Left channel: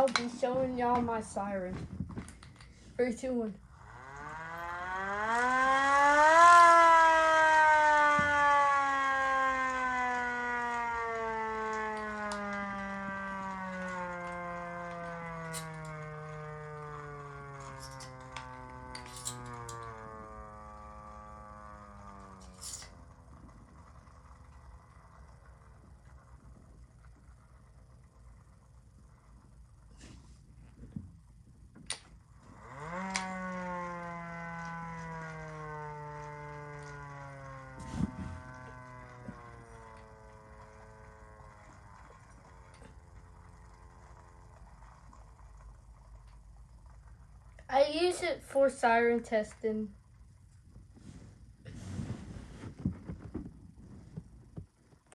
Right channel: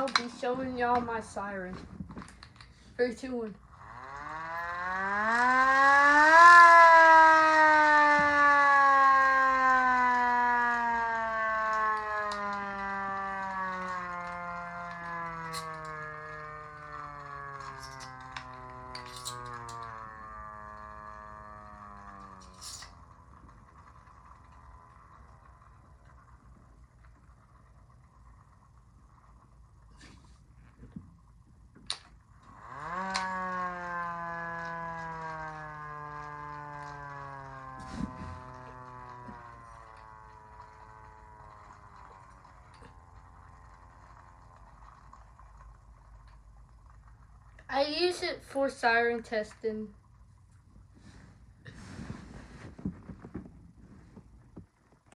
I'll be showing y'all my siren. 3, 2, 1. I use it for siren testing.